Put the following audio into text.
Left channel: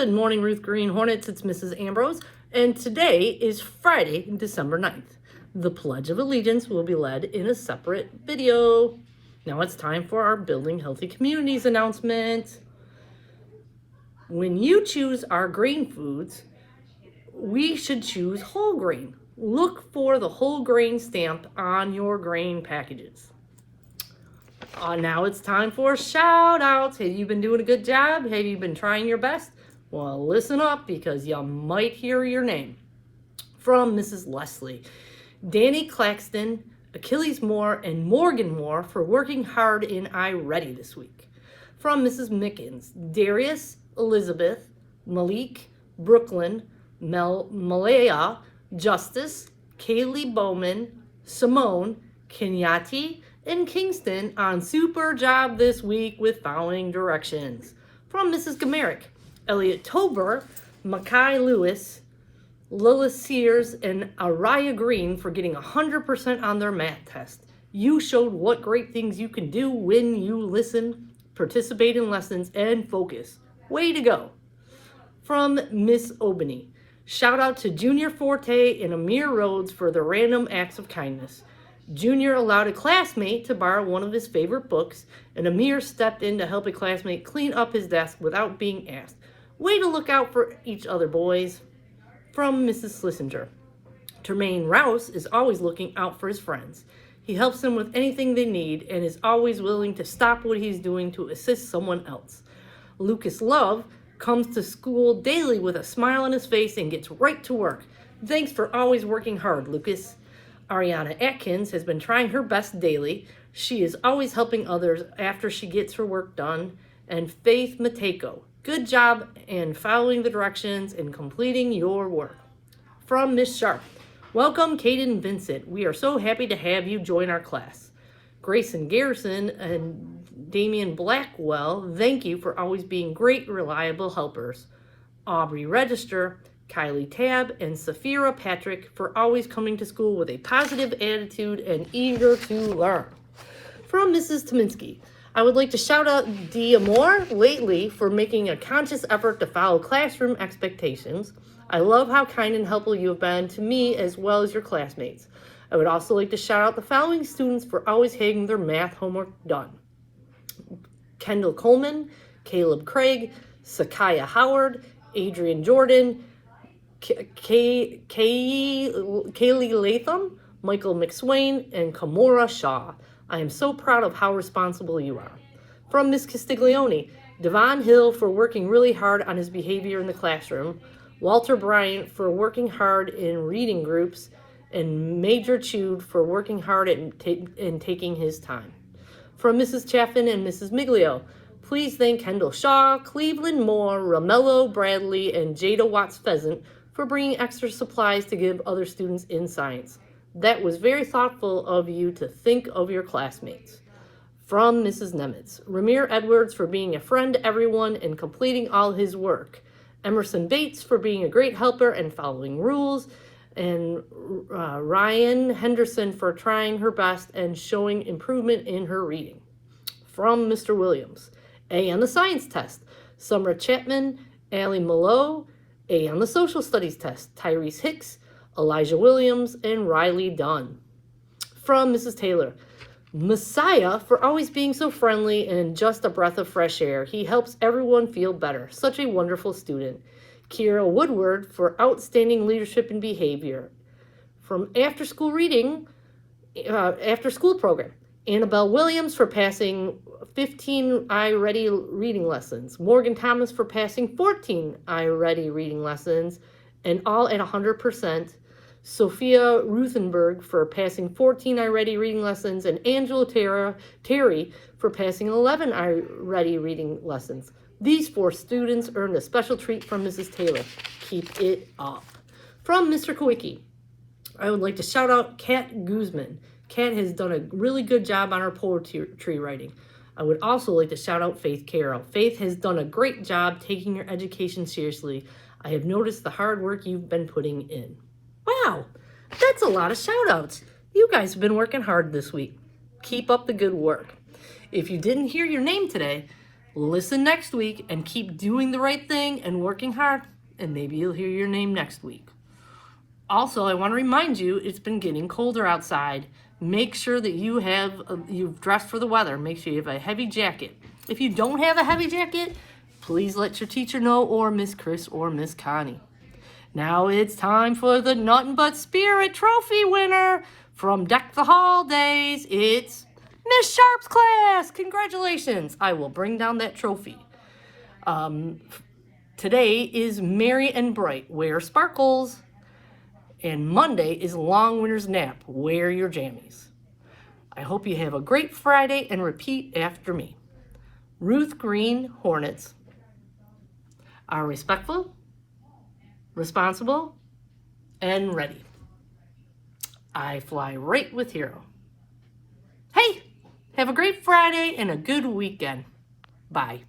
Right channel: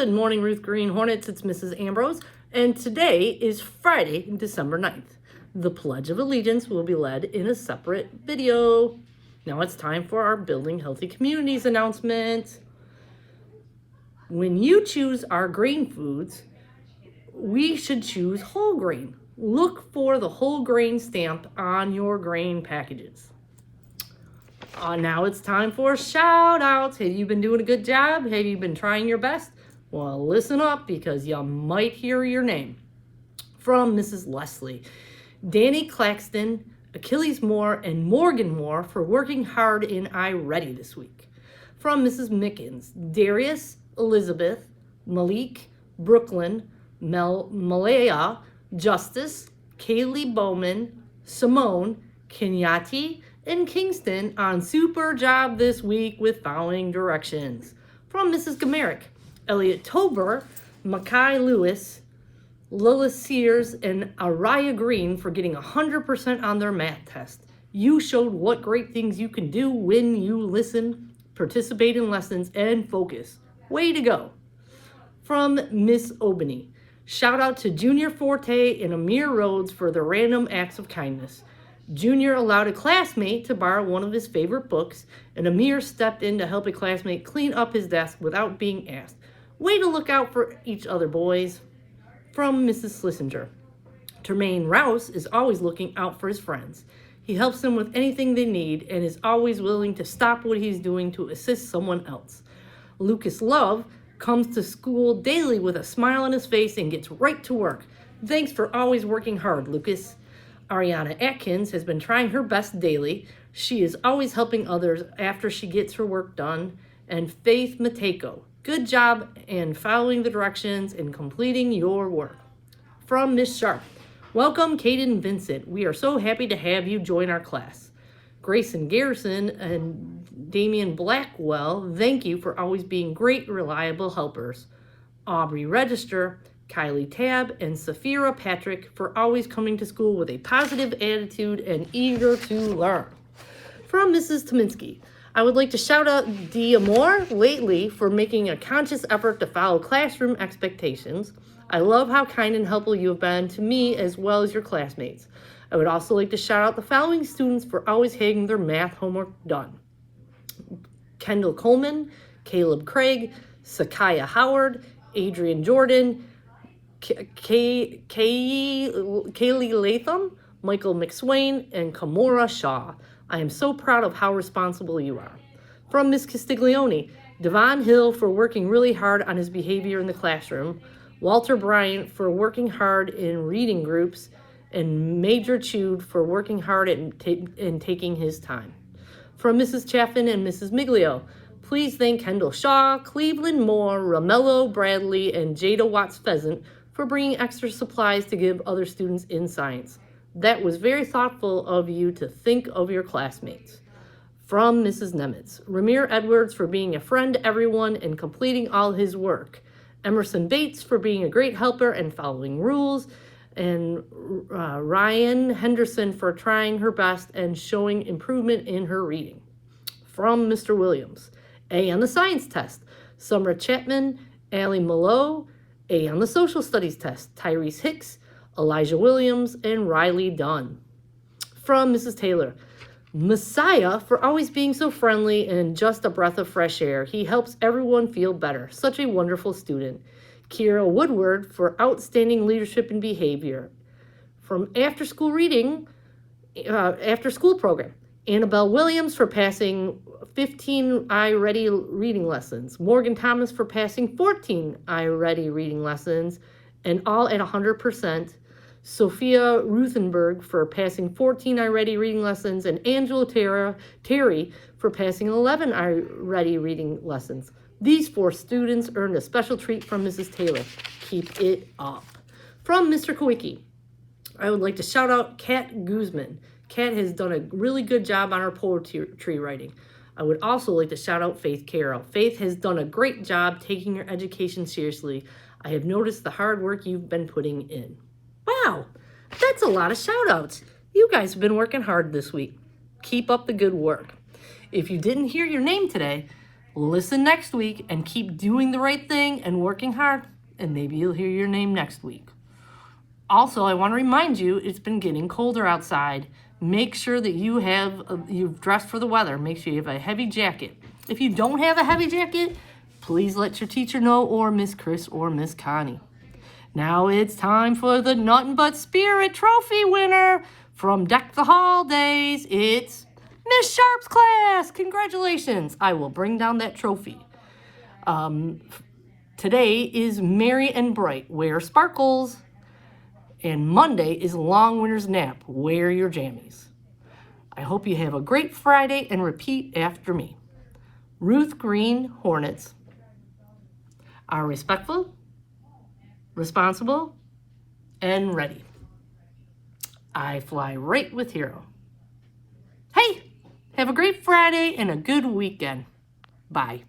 Good morning, Ruth Green Hornets. It's Mrs. Ambrose, and today is Friday, December 9th. The Pledge of Allegiance will be led in a separate video. Now it's time for our Building Healthy Communities announcement. When you choose our grain foods, we should choose whole grain. Look for the whole grain stamp on your grain packages. Now it's time for shout outs. Have you been doing a good job? Have you been trying your best? Well, listen up because you might hear your name. From Mrs. Leslie, Danny Claxton, Achilles Moore, and Morgan Moore for working hard in iReady this week. From Mrs. Mickens, Darius, Elizabeth, Malik, Brooklyn, Malaya, Justice, Kaylee Bowman, Simone, Kenyati, and Kingston on super job this week with following directions. From Mrs. Gamerick, Elliot Tober, Mackay Lewis, Lila Sears, and Araya Green for getting 100% on their math test. You showed what great things you can do when you listen, participate in lessons, and focus. Way to go. From Miss Obany, shout out to Junior Forte and Amir Rhodes for their random acts of kindness. Junior allowed a classmate to borrow one of his favorite books, and Amir stepped in to help a classmate clean up his desk without being asked. Way to look out for each other, boys. From Mrs. Schlesinger, Tremaine Rouse is always looking out for his friends. He helps them with anything they need and is always willing to stop what he's doing to assist someone else. Lucas Love comes to school daily with a smile on his face and gets right to work. Thanks for always working hard, Lucas. Ariana Atkins has been trying her best daily. She is always helping others after she gets her work done. And Faith Mateko, good job and following the directions and completing your work. From Miss Sharp, welcome Caden Vincent. We are so happy to have you join our class. Grayson Garrison and Damian Blackwell, thank you for always being great, reliable helpers. Aubrey Register, Kylie Tab, and Safira Patrick for always coming to school with a positive attitude and eager to learn. From Mrs. Tominski, I would like to shout out Dia Moore lately for making a conscious effort to follow classroom expectations. I love how kind and helpful you have been to me as well as your classmates. I would also like to shout out the following students for always having their math homework done. Kendall Coleman, Caleb Craig, Sakaya Howard, Adrian Jordan, Kaylee Latham, Michael McSwain, and Kamora Shaw. I am so proud of how responsible you are. From Ms. Castiglione, Devon Hill for working really hard on his behavior in the classroom, Walter Bryant for working hard in reading groups, and Major Chude for working hard and taking his time. From Mrs. Chaffin and Mrs. Miglio, please thank Kendall Shaw, Cleveland Moore, Romello Bradley, and Jada Watts Pheasant for bringing extra supplies to give other students in science. That was very thoughtful of you to think of your classmates. From Mrs. Nemitz, Ramir Edwards for being a friend to everyone and completing all his work. Emerson Bates for being a great helper and following rules. And Ryan Henderson for trying her best and showing improvement in her reading. From Mr. Williams, A on the science test. Summer Chapman, Allie Mallow, A on the social studies test. Tyrese Hicks, Elijah Williams, and Riley Dunn. From Mrs. Taylor, Messiah for always being so friendly and just a breath of fresh air. He helps everyone feel better. Such a wonderful student. Kira Woodward for outstanding leadership and behavior. From after school program. Annabelle Williams for passing 15 iReady reading lessons. Morgan Thomas for passing 14 iReady reading lessons, and all at 100%. Sophia Ruthenberg for passing 14 iReady reading lessons, and Angela Terry for passing 11 iReady reading lessons. These 4 students earned a special treat from Mrs. Taylor. Keep it up. From Mr. Kowicki, I would like to shout out Kat Guzman. Kat has done a really good job on her poetry writing. I would also like to shout out Faith Carroll. Faith has done a great job taking her education seriously. I have noticed the hard work you've been putting in. Wow, that's a lot of shout outs. You guys have been working hard this week. Keep up the good work. If you didn't hear your name today, Listen next week and keep doing the right thing and working hard, and maybe you'll hear your name next week. Also, I want to remind you, it's been getting colder outside. Make sure that you've dressed for the weather. Make sure you have a heavy jacket. If you don't have a heavy jacket, please let your teacher know, or Miss Chris or Miss Connie. Now it's time for the Nothing But Spirit Trophy winner from Deck the Hall days. It's Miss Sharp's class. Congratulations. I will bring down that trophy. Today is Merry and Bright. Wear sparkles. And Monday is Long Winter's Nap. Wear your jammies. I hope you have a great Friday and repeat after me. Ruth Green Hornets are respectful, responsible, and ready. I fly right with Hero. Hey, have a great Friday and a good weekend. Bye.